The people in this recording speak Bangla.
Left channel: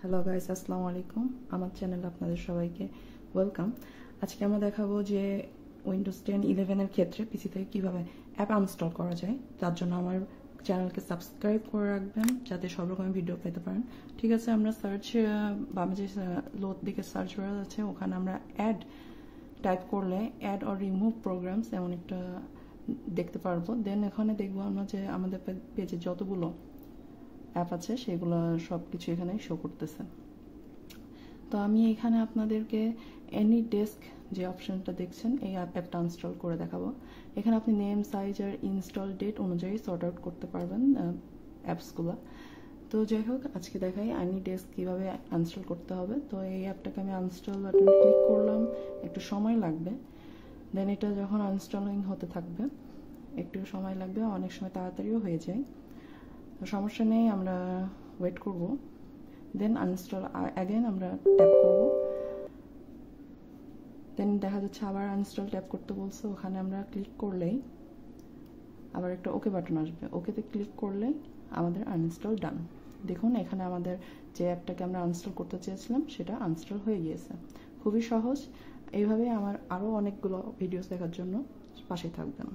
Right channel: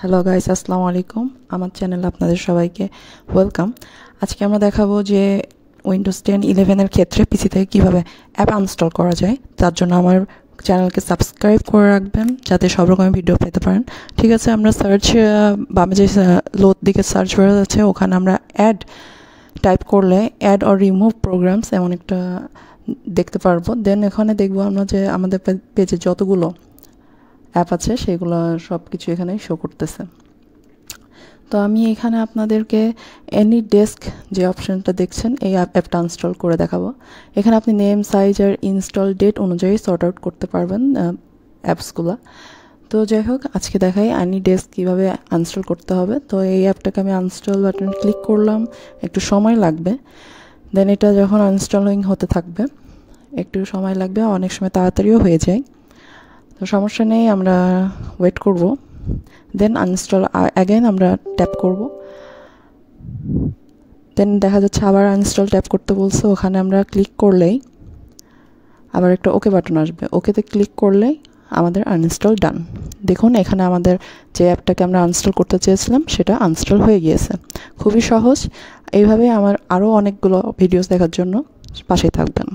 হ্যালো গাইস, আসসালামু আলাইকুম। আমার চ্যানেলে আপনাদের সবাইকে ওয়েলকাম। আজকে আমরা দেখাবো যে উইন্ডোজ 10 11 ক্ষেত্রে পিসি থেকে কীভাবে অ্যাপ আনস্টল করা যায়। তার জন্য আমার চ্যানেলকে সাবস্ক্রাইব করে রাখবেন যাতে সব রকমের ভিডিও পেতে পারেন। ঠিক আছে, আমরা সার্চ বামে যে লোড দিকে সার্চ বার আছে ওখানে আমরা অ্যাড টাইপ করলে অ্যাড অর রিমুভ প্রোগ্রামস এমন একটা দেখতে পারবো। দেন এখানে দেখবো আমরা যে আমাদের পেজে যতগুলো অ্যাপ আছে সেগুলো সব কিছু এখানে শো করতেছে। তো আমি এখানে আপনাদেরকে এনি ডেস্ক যে অপশানটা দেখছেন এই অ্যাপটা ইনস্টল করে দেখাবো। এখানে আপনি নেম, সাইজ আর ইনস্টল ডেট অনুযায়ী সর্ট আউট করতে পারবেন অ্যাপসগুলো। তো যাই হোক, আজকে দেখাই এনি ডেস্ক কীভাবে ইনস্টল করতে হবে। তো এই অ্যাপটাকে আমি ইনস্টল বাটনে ক্লিক করলাম, একটু সময় লাগবে। দেন এটা যখন ইনস্টলিং হতে থাকবে একটু সময় লাগবে, অনেক সময় তাড়াতাড়িও হয়ে যায়। তো সমস্যা নেই, আমরা ওয়েট করব। দেন আনইনস্টল অ্যাগেন আমরা ট্যাপ করব। দেন দেখা যাচ্ছে আবার আনইনস্টল ট্যাপ করতে বলছে, ওখানে আমরা ক্লিক করলেই আবার একটা ওকে বাটন আসবে। ওকেতে ক্লিক করলেই আমাদের আনইনস্টল ডান। দেখুন এখানে আমাদের যে অ্যাপটাকে আমরা আনইনস্টল করতে চেয়েছিলাম সেটা আনইনস্টল হয়ে গিয়েছে। খুবই সহজ। এইভাবে আমার আরও অনেকগুলো ভিডিওস দেখার জন্য পাশেই থাকবেন।